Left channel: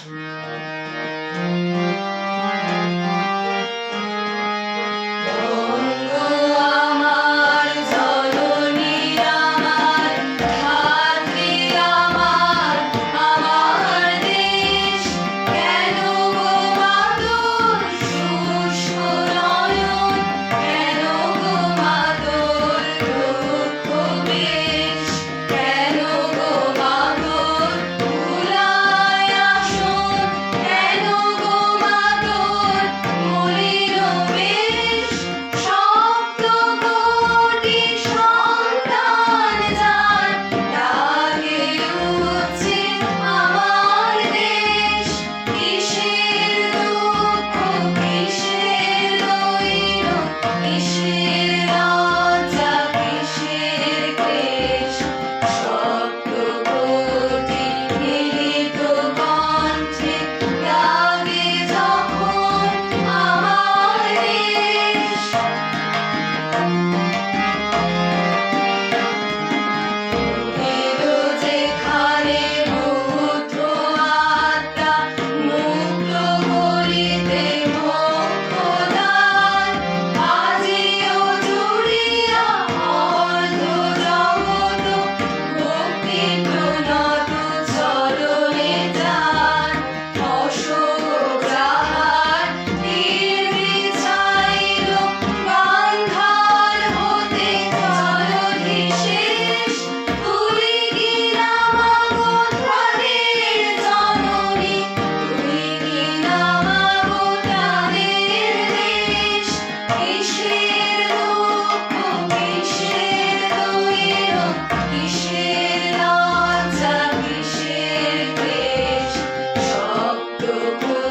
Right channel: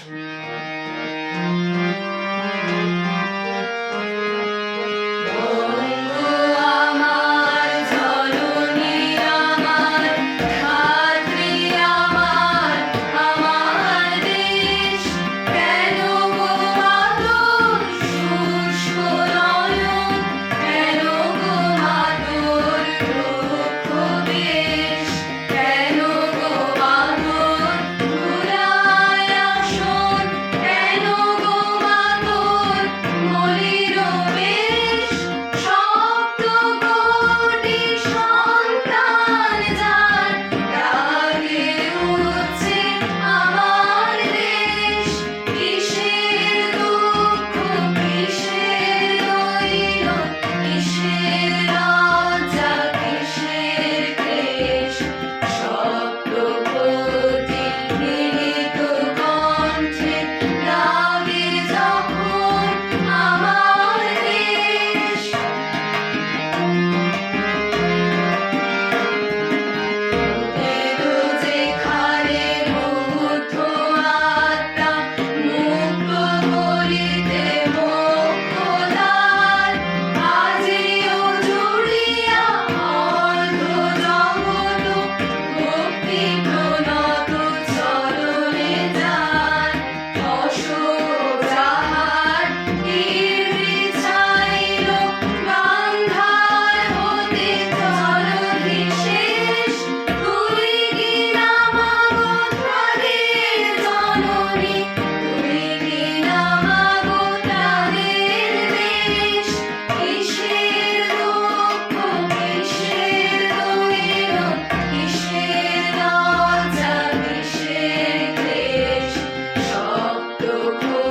Mm-hmm.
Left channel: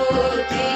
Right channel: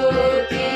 Oh, dear.